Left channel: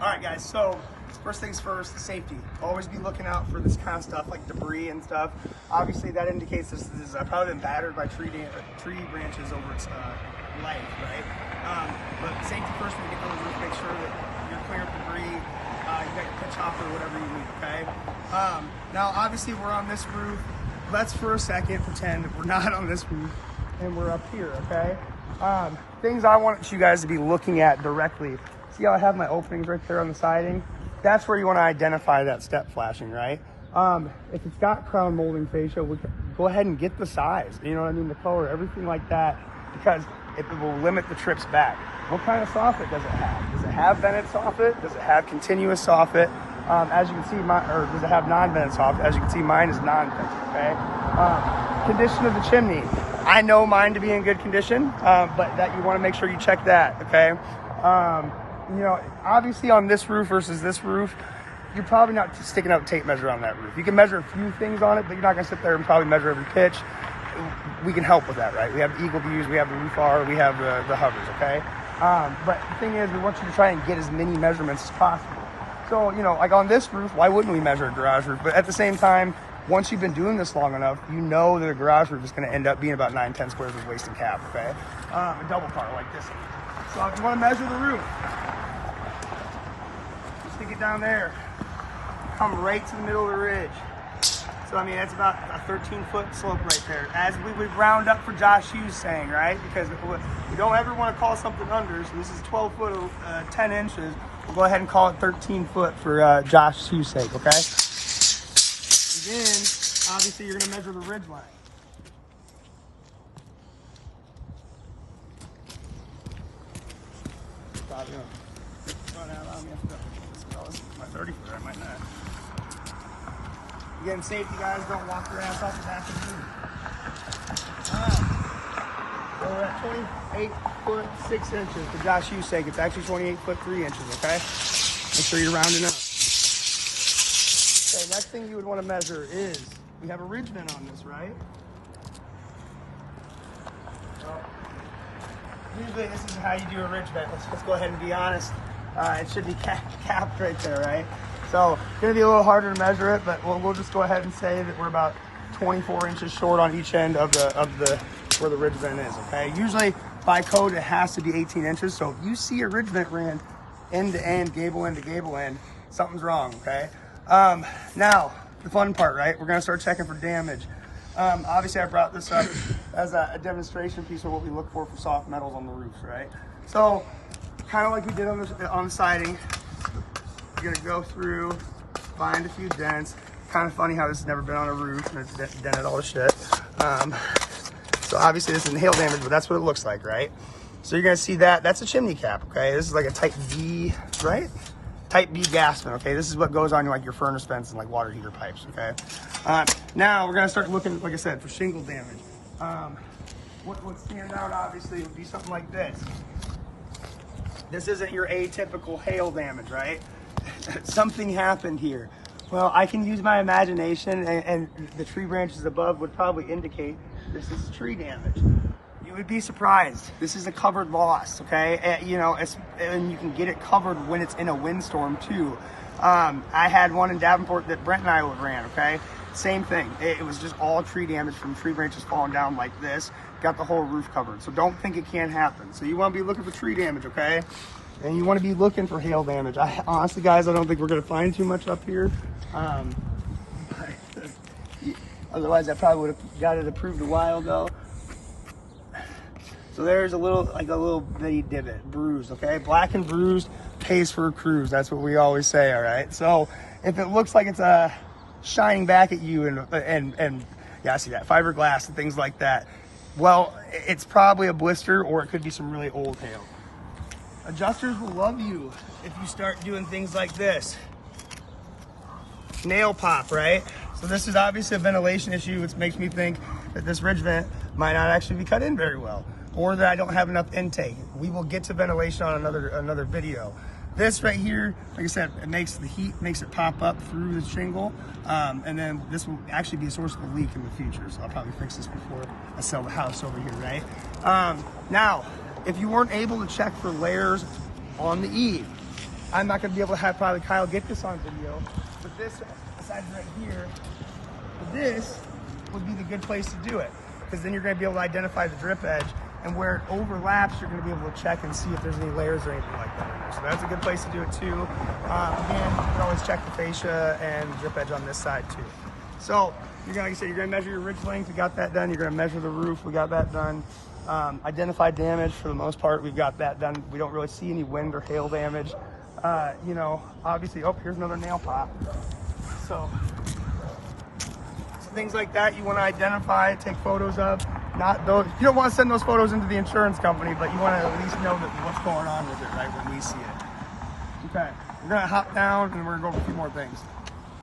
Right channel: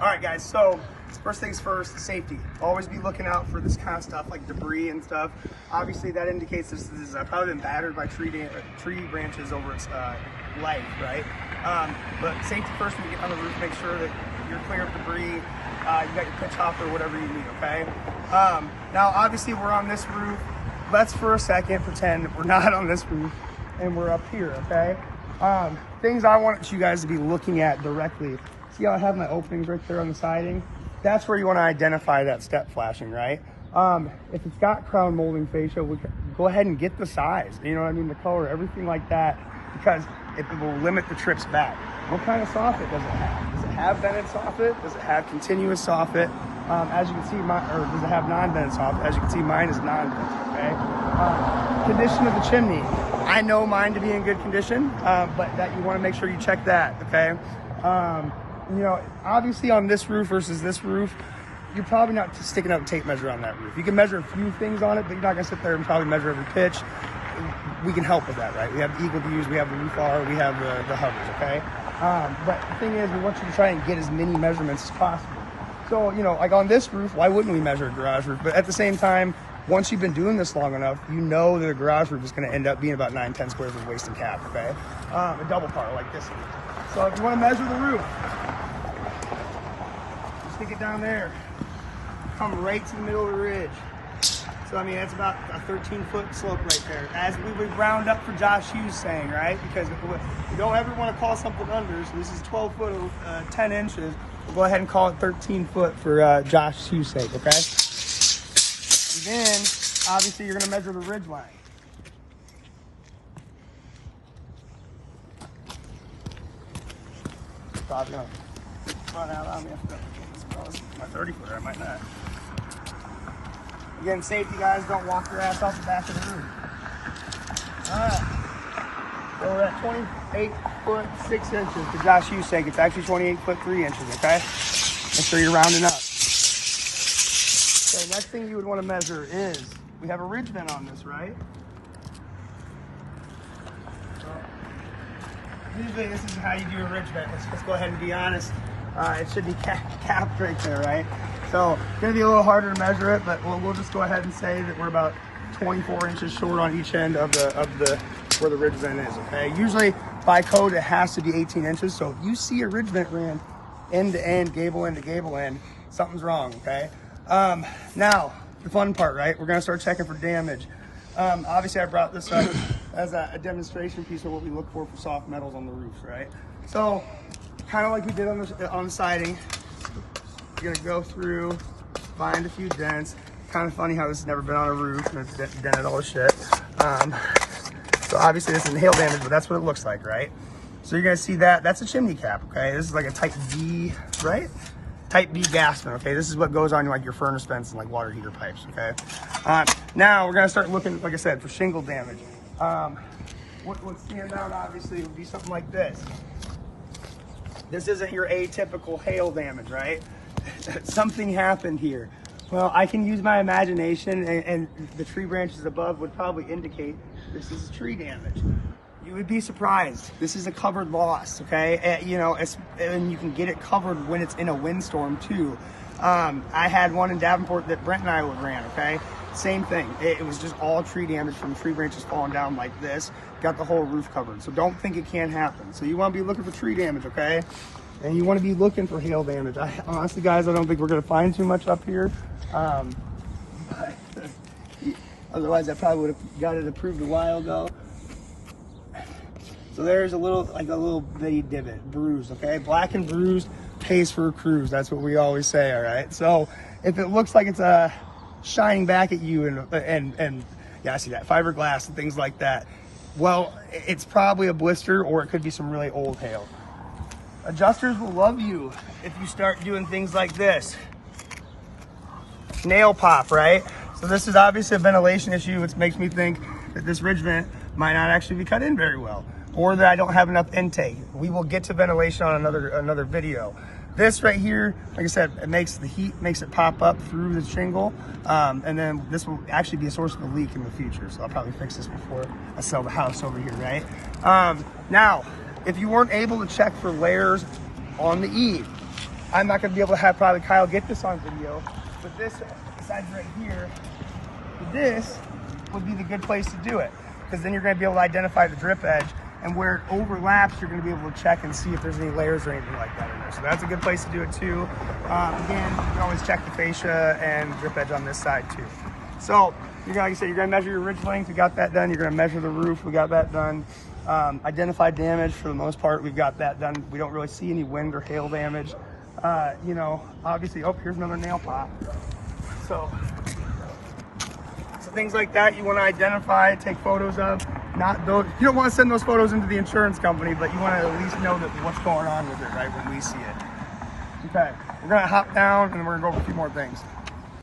All right, guys, so first things first, safety. Always be looking out for this kind of stuff like debris and stuff. Obviously, that indicates this is probably been battered by tree branches over its leg, right? But safety first, when you get on the roof, make sure that you're clear of debris. You got your pitch hopper, whatever you need, okay? Now, obviously, we're on this roof. Let's for a second pretend that we're not on this roof and we're up here, okay? Things I want you guys to be looking at directly. See how I have my openings right there on the siding? That's where you want to identify that step flashing, right? If it's got crown molding fascia, go ahead and get the size, you know what I mean, the color, everything like that, because it will limit the trips back. What kind of soffit does it have? Does it have vented soffit? Does it have continuous soffit? As you can see, or does it have non-vented soffit? As you can see, mine is non-vented, okay? Condition of the chimney. I know mine to be in good condition, but that you want to make sure you check that, okay? You know, obviously on this roof versus this roof, you're probably not sticking out a tape measure on that roof. You can measure a few things on it, but you're not gonna sit there and probably measure every pitch. We can help with that, right? We have Eagle Views, we have the roof R, we have the hovers, okay? But the thing is, we want you to try and get as many measurements as possible. So, you know, like on this roof, why wouldn't we measure a garage roof? But at the same time, once you've been doing this long enough, you know that a garage roof is gonna end up being about 9-10 squares with waist and cap, okay? A double car like this. So if you wanna measure the roof, stick it down there, come right to the middle of the ridge. So I mean, that's about a 13-foot slope right there. As we would round up for Josh Hughes saying, right? Because we don't ever want to call something under, so this is 12 foot, 10 inches. We'll go ahead and call it 13 foot for Josh Hughes' sake, okay? And then, obviously, you're gonna measure the ridge line. Probably gonna run out on me. My 30 footer, I might not. Again, safety guys, don't walk your ass off the back of the roof. Alright. So we're at 28 foot 6 inches for Josh Hughes' sake. It's actually 28 foot 3 inches, okay? Make sure you're rounding up. So the next thing you would want to measure is, we have a ridge vent on this, right? So, usually this is how you do a ridge vent. Let's go ahead and be honest. It should be capped right there, right? So it's gonna be a little harder to measure it, but we'll just go ahead and say that we're about 24 inches short on each end of the where the ridge vent is, okay? Usually by code, it has to be 18 inches. So if you see a ridge vent ran end to end, gable end to gable end, something's wrong, okay? Now, the fun part, right? We're gonna start checking for damage. Obviously I brought this up as a demonstration piece of what we look for soft metals on the roof, right? So, kind of like we did on the siding, you're gonna go through, find a few dents. Kind of funny how this has never been on a roof and it's dented all the shit. So obviously this isn't hail damage, but that's what it looks like, right? So you're gonna see that, that's a chimney cap, okay? This is like a type B, right? Type B gas vent, okay? This is what goes on like your furnace vents and like water heater pipes, okay? Now we're gonna start looking, like I said, for shingle damage. What stands out obviously would be something like this. This isn't your atypical hail damage, right? Something happened here. Well, I can use my imagination, and the tree branches above would probably indicate this is tree damage. You would be surprised. This is a covered loss, okay? You know, and you can get it covered when it's in a windstorm too. I had one in Davenport that Brent and I ran, okay? Same thing. It was just all tree damage from tree branches falling down like this. Got the whole roof covered. So don't think it can't happen. So you want to be looking for tree damage, okay? And you want to be looking for hail damage. Honestly, guys, I don't think we're going to find too much up here. Otherwise, I probably would have got it approved a while ago. So there's a little bitty divot, bruised, okay? Black and bruised pays for a cruise. That's what we always say, all right? So if it looks like it's shining back at you and yeah, I see that, fiberglass and things like that, well, it's probably a blister or it could be some really old hail. Adjusters will love you if you start doing things like this. Nail pop, right? So this is obviously a ventilation issue, which makes me think that this ridge vent might not actually be cut in very well, or that I don't have enough intake. We will get to ventilation on another video. This right here, like I said, it makes the heat, makes it pop up through the shingle, and then this will actually be a source of a leak in the future. So I'll probably fix this before I sell the house over here, right? Now, if you weren't able to check for layers on the eave, I'm not going to be able to have probably Kyle get this on video, but this side right here, this would be the good place to do it, because then you're going to be able to identify the drip edge, and where it overlaps, you're going to be able to check and see if there's any layers or anything like that in there. So that's a good place to do it too. Again, you can always check the fascia and drip edge on this side too. So you're gonna, like I said, you're going to measure your ridge length. We got that done. You're going to measure the roof. We got that done. Identify damage for the most part. We've got that done. We don't really see any wind or hail damage. You know, obviously, oh, here's another nail pop. So things like that you want to identify, take photos of. Not those, you don't want to send those photos into the insurance company, but you want to at least know that what's going on with it, right, when we see it. Okay, we're going to hop down and we're going to go over a few more things.